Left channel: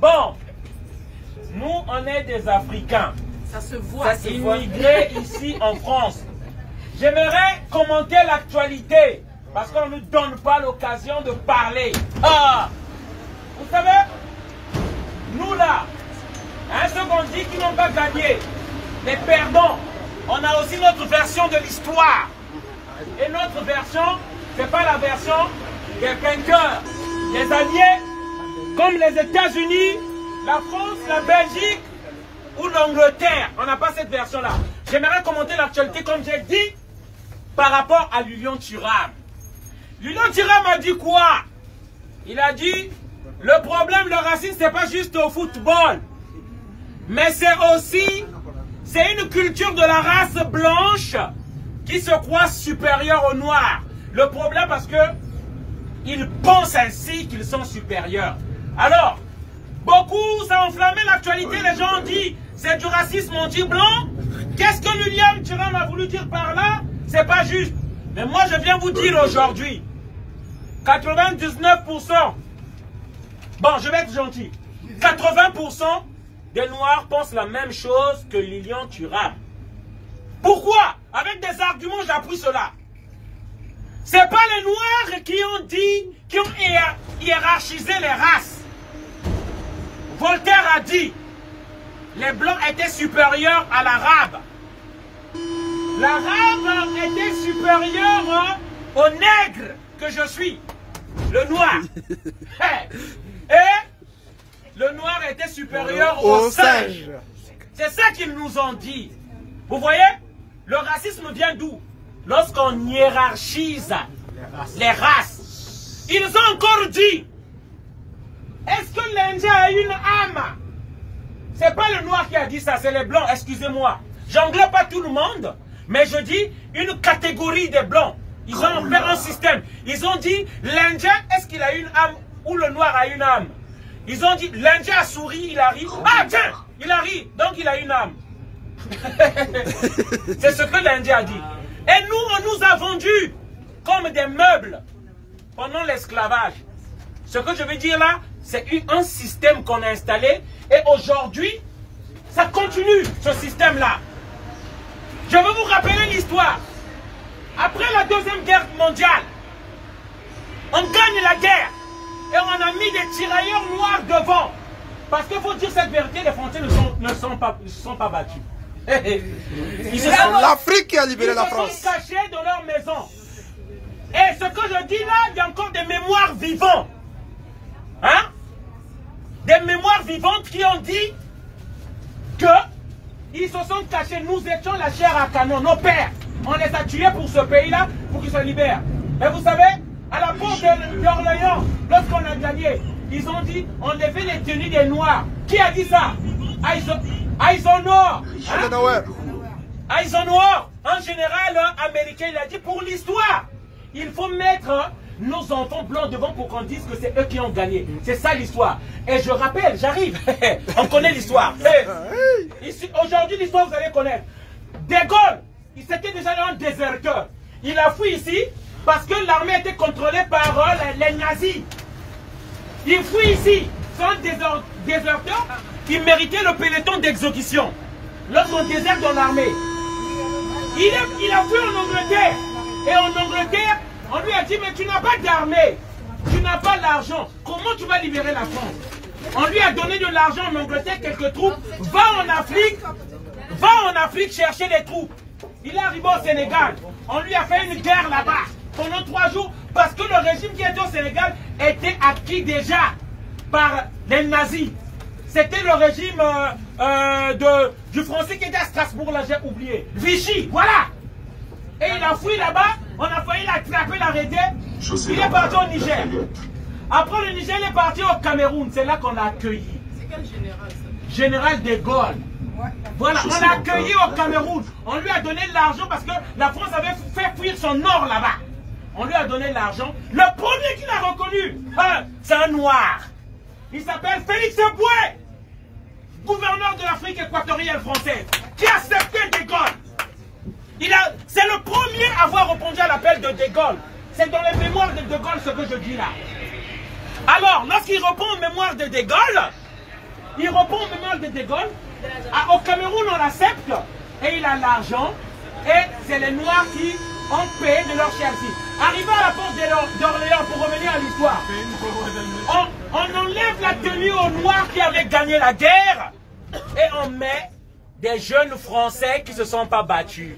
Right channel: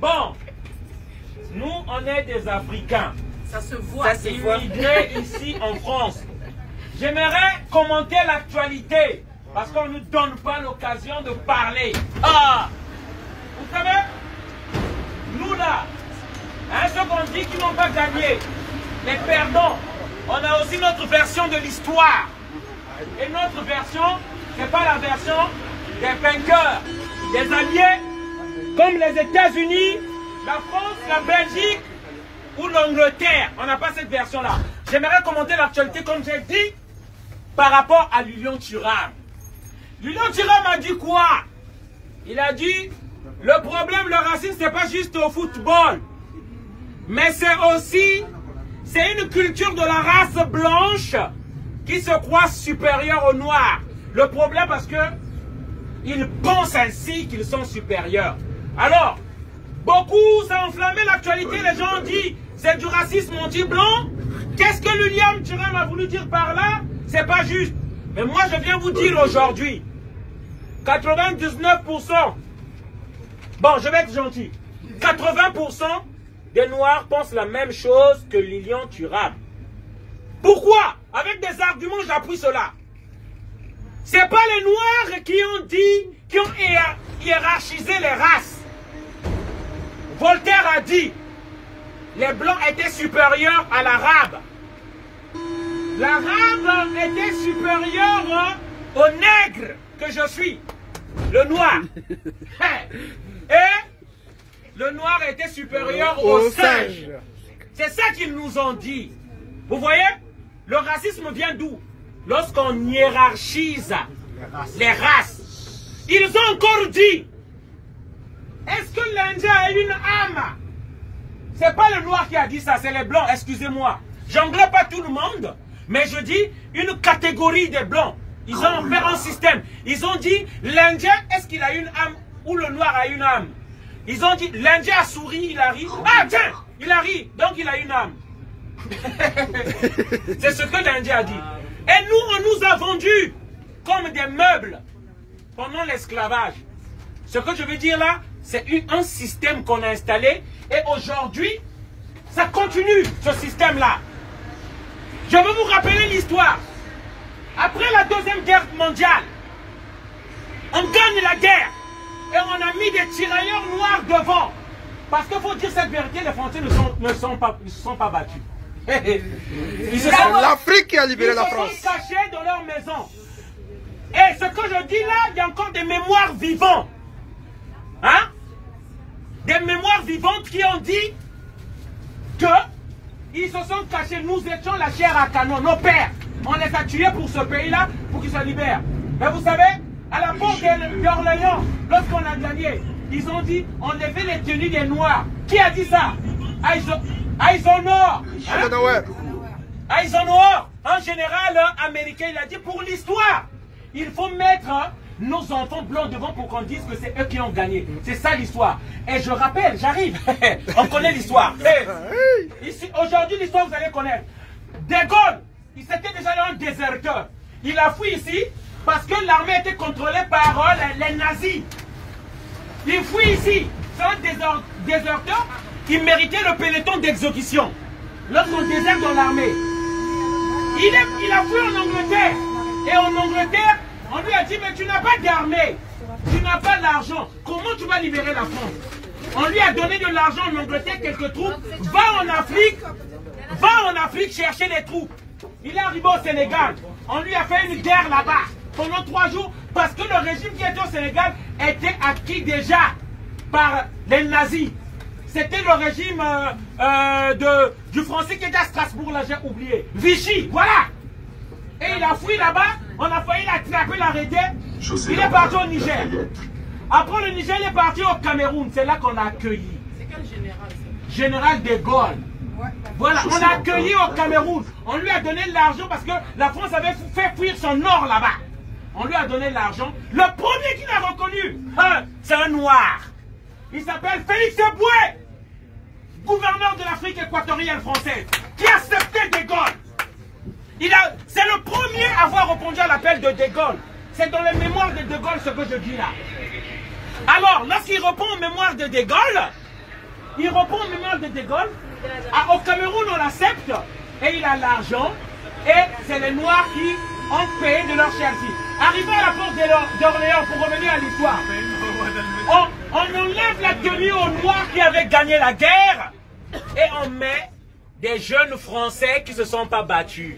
Bon, nous, on est des Africains. Ça se voit. Ça se voit. Immigrés ici en France. J'aimerais commenter l'actualité parce qu'on ne nous donne pas l'occasion de parler. Vous savez, nous là, ceux qu'on dit qui n'ont pas gagné, les perdants, on a aussi notre version de l'histoire. Et notre version, c'est pas la version des vainqueurs, des alliés, comme les États-Unis, la France, la Belgique ou l'Angleterre. On n'a pas cette version-là. J'aimerais commenter l'actualité, comme j'ai dit, par rapport à Lilian Thuram. Lilian Thuram a dit quoi? Il a dit, le problème, le racisme, c'est pas juste au football. Mais c'est aussi, c'est une culture de la race blanche qui se croit supérieure aux noirs. Le problème, parce que ils pensent ainsi qu'ils sont supérieurs. Alors, beaucoup, ça a enflammé l'actualité. Les gens ont dit, c'est du racisme anti-blanc. Qu'est-ce que Lilian Thuram a voulu dire par là? C'est pas juste. Mais moi, je viens vous dire aujourd'hui, 99%, bon, je vais être gentil, 80% des Noirs pensent la même chose que Lilian Thuram. Pourquoi? Avec des arguments, j'appuie cela. C'est pas les Noirs qui ont dit, qui ont hiérarchisé les races. Voltaire a dit, les Blancs étaient supérieurs à l'Arabe. L'Arabe était supérieur au nègre que je suis, le noir. Et le noir était supérieur au singe. C'est ça qu'ils nous ont dit. Vous voyez, le racisme vient d'où? Lorsqu'on hiérarchise les races. Ils ont encore dit, est-ce que l'Indien a une âme? C'est pas le noir qui a dit ça, c'est les blancs, excusez-moi. J'englobe pas tout le monde, mais je dis une catégorie des blancs. Ils ont fait un système. Ils ont dit, l'Indien, est-ce qu'il a une âme ou le noir a une âme? Ils ont dit, l'Indien a souri, il a ri. Ah tiens, il a ri, donc il a une âme. C'est ce que l'Indien a dit. Et nous, on nous a vendus comme des meubles pendant l'esclavage. Ce que je veux dire là, c'est un système qu'on a installé et aujourd'hui, ça continue, ce système-là. Je veux vous rappeler l'histoire. Après la Deuxième Guerre mondiale, on gagne la guerre et on a mis des tirailleurs noirs devant. Parce qu'il faut dire cette vérité, les Français ne se sont pas battus. C'est l'Afrique qui a libéré la France. Ils se sont cachés dans leur maison. Et ce que je dis là, il y a encore des mémoires vivantes. Hein? Des mémoires vivantes qui ont dit que ils se sont cachés. Nous étions la chair à canon. Nos pères, on les a tués pour ce pays-là, pour qu'ils se libèrent. Mais vous savez, à la porte d'Orléans, lorsqu'on a gagné, ils ont dit, enlevez les tenues des Noirs. Qui a dit ça? Eisenhower. Eisenhower, un général américain, il a dit, pour l'histoire, il faut mettre nos enfants blancs devant pour qu'on dise que c'est eux qui ont gagné. C'est ça l'histoire. Et je rappelle, j'arrive, on connaît l'histoire. Aujourd'hui, l'histoire, vous allez connaître. De Gaulle, il s'était déjà un déserteur. Il a fui ici parce que l'armée était contrôlée par les nazis. Il fuit ici. C'est un déserteur qui méritait le peloton d'exécution. Lorsqu'on déserte dans l'armée, il a fui en Angleterre. Et en Angleterre, on lui a dit, mais tu n'as pas d'armée, tu n'as pas d'argent. Comment tu vas libérer la France? On lui a donné de l'argent en Angleterre, quelques troupes. Va en Afrique chercher des troupes. Il est arrivé au Sénégal. On lui a fait une guerre là-bas pendant 3 jours parce que le régime qui était au Sénégal était acquis déjà par les nazis. C'était le régime du français qui était à Strasbourg, là j'ai oublié. Vichy, voilà. Et il a fui là-bas, on a failli l'attraper, l'arrêter. Il est parti au Niger. Après le Niger, il est parti au Cameroun. C'est là qu'on l'a accueilli. C'est quel général ça? Général de Gaulle. Voilà, on l'a accueilli au Cameroun. On lui a donné de l'argent parce que la France avait fait fuir son or là-bas. On lui a donné de l'argent. Le premier qu'il a reconnu, c'est un noir. Il s'appelle Félix Eboué, gouverneur de l'Afrique équatoriale française, qui a accepté De Gaulle. C'est le premier à avoir répondu à l'appel de De Gaulle. C'est dans les mémoires de De Gaulle ce que je dis là. Alors, lorsqu'il reprend aux mémoires de De Gaulle, au Cameroun, on l'accepte, et il a l'argent, et c'est les Noirs qui ont payé de leur chère fille. Arrivé à la porte d'Orléans, pour revenir à l'histoire, on enlève la tenue aux Noirs qui avaient gagné la guerre, et on met des jeunes Français qui ne se sont pas battus.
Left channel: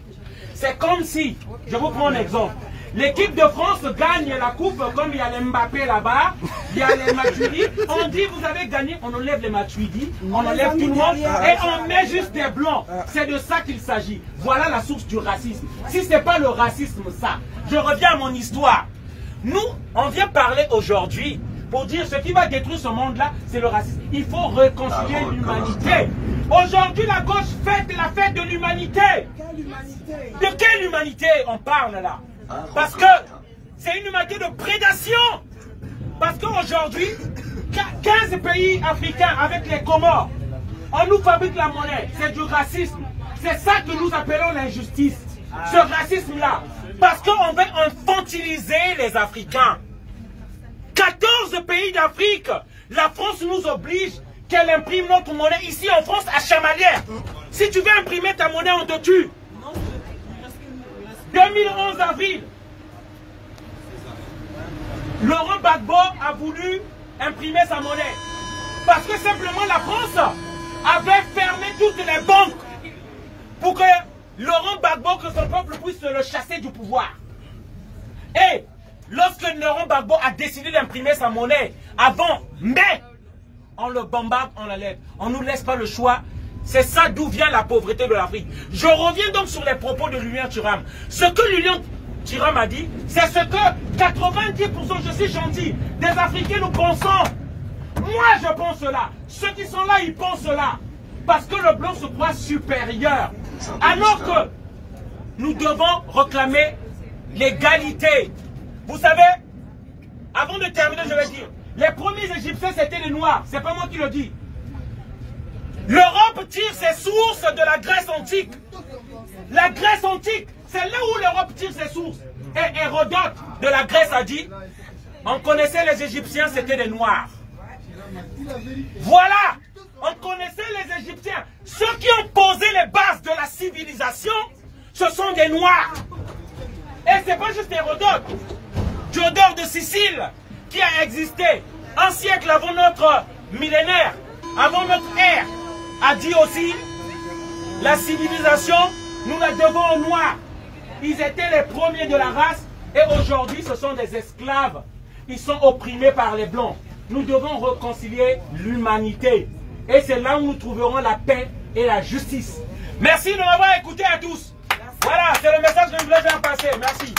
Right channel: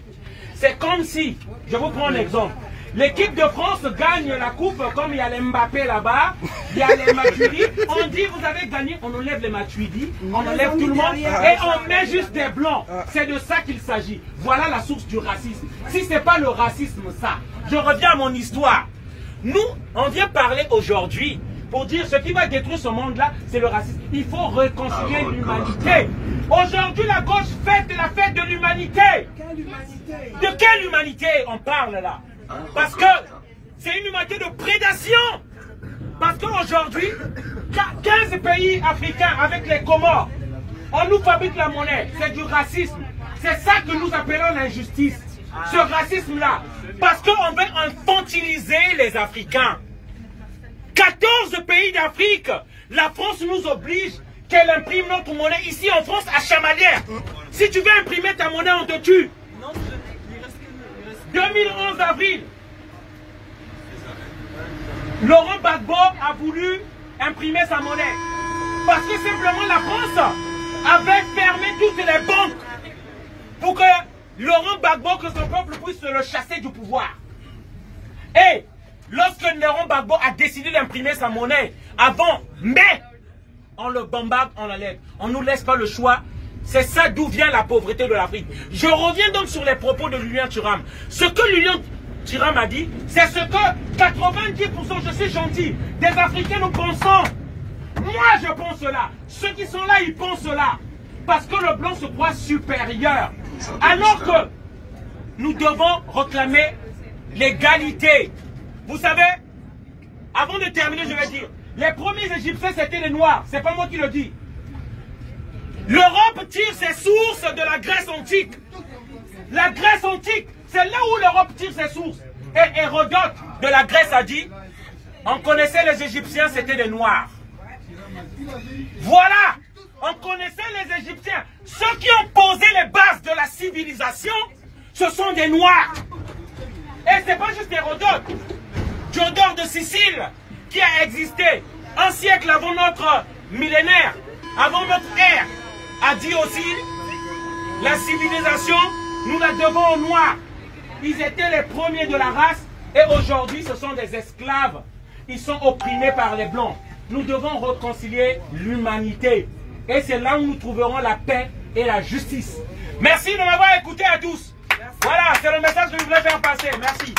C'est comme si, je vous prends un exemple, l'équipe de France gagne la coupe, comme il y a les Mbappé là-bas, il y a les Matuidi, on dit vous avez gagné, on enlève les Matuidi, on enlève tout le monde et on met juste des blancs. C'est de ça qu'il s'agit. Voilà la source du racisme. Si ce n'est pas le racisme, ça. Je reviens à mon histoire. Nous, on vient parler aujourd'hui pour dire ce qui va détruire ce monde-là, c'est le racisme. Il faut réconcilier l'humanité. Aujourd'hui, la gauche fête la fête de l'humanité. De quelle humanité on parle là? Parce que c'est une humanité de prédation. Parce qu'aujourd'hui, 15 pays africains avec les Comores, on nous fabrique la monnaie. C'est du racisme. C'est ça que nous appelons l'injustice. Ce racisme-là. Parce qu'on veut infantiliser les Africains. 14 pays d'Afrique. La France nous oblige qu'elle imprime notre monnaie ici en France à Chamalières. Si tu veux imprimer ta monnaie, on te tue. 2011 avril, Laurent Gbagbo a voulu imprimer sa monnaie. Parce que simplement la France avait fermé toutes les banques pour que Laurent Gbagbo, que son peuple puisse le chasser du pouvoir. Et lorsque Laurent Gbagbo a décidé d'imprimer sa monnaie avant mai, on le bombarde, on l'enlève. On ne nous laisse pas le choix. C'est ça d'où vient la pauvreté de l'Afrique. Je reviens donc sur les propos de Lilian Thuram. Ce que Lilian Thuram a dit, c'est ce que 90%, je suis gentil, des Africains nous pensons. Moi je pense cela. Ceux qui sont là, ils pensent cela. Parce que le blanc se croit supérieur. Alors que nous devons réclamer l'égalité. Vous savez, avant de terminer, je vais dire, les premiers Égyptiens c'était les Noirs. C'est pas moi qui le dis. L'Europe tire ses sources de la Grèce antique. La Grèce antique, c'est là où l'Europe tire ses sources. Et Hérodote de la Grèce a dit, on connaissait les Égyptiens, c'était des Noirs. Voilà, on connaissait les Égyptiens. Ceux qui ont posé les bases de la civilisation, ce sont des Noirs. Et c'est pas juste Hérodote. Diodore de Sicile, qui a existé un siècle avant notre millénaire, avant notre ère, a dit aussi, la civilisation, nous la devons aux Noirs. Ils étaient les premiers de la race et aujourd'hui ce sont des esclaves. Ils sont opprimés par les Blancs. Nous devons réconcilier l'humanité. Et c'est là où nous trouverons la paix et la justice. Merci de m'avoir écouté à tous. Voilà, c'est le message que je voulais faire passer. Merci.